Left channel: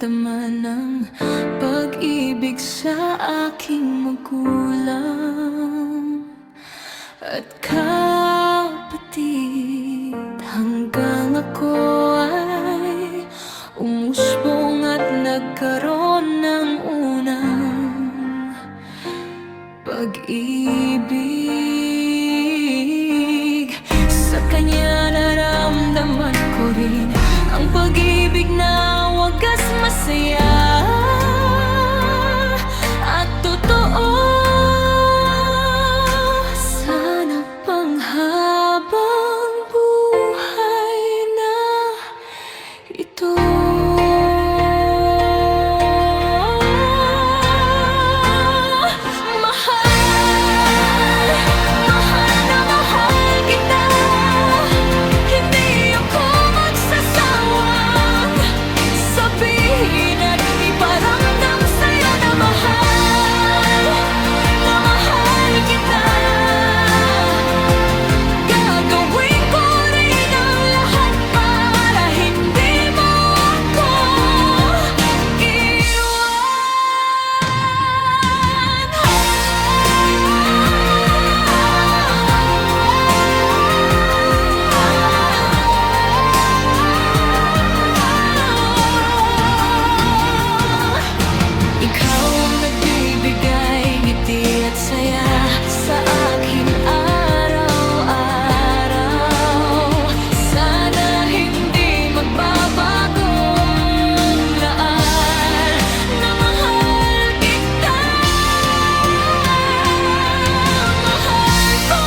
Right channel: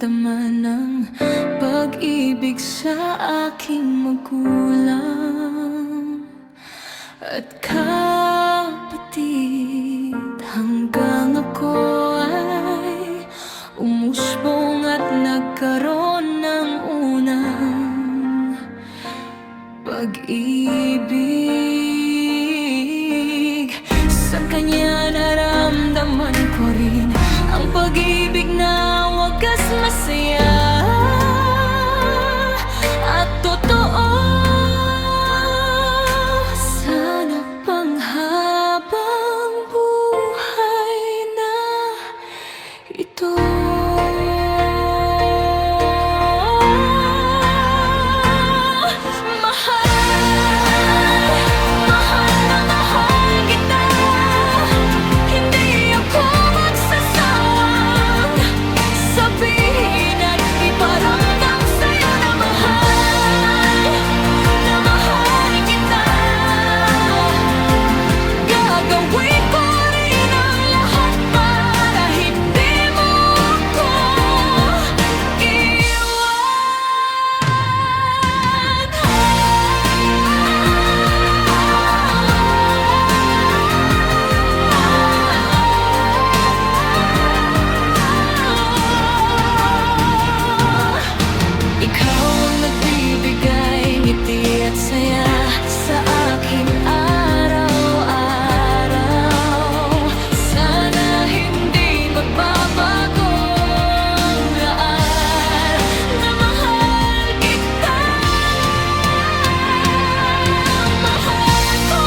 naramdaman ng pag-ibig sa aking magulang at kapatid, hanggang ako ay umusbong at nagkaroon ng unang pag-ibig. Sa kanya naramdaman ko rin ang pag-ibig na wagas, masaya at totoo. Sana panghabang buhay na ito. Ikaw ang nagbibigay ngiti at saya sa akin araw-araw. Sana hindi magbabago ang laan na mahal kita. Mahal ko.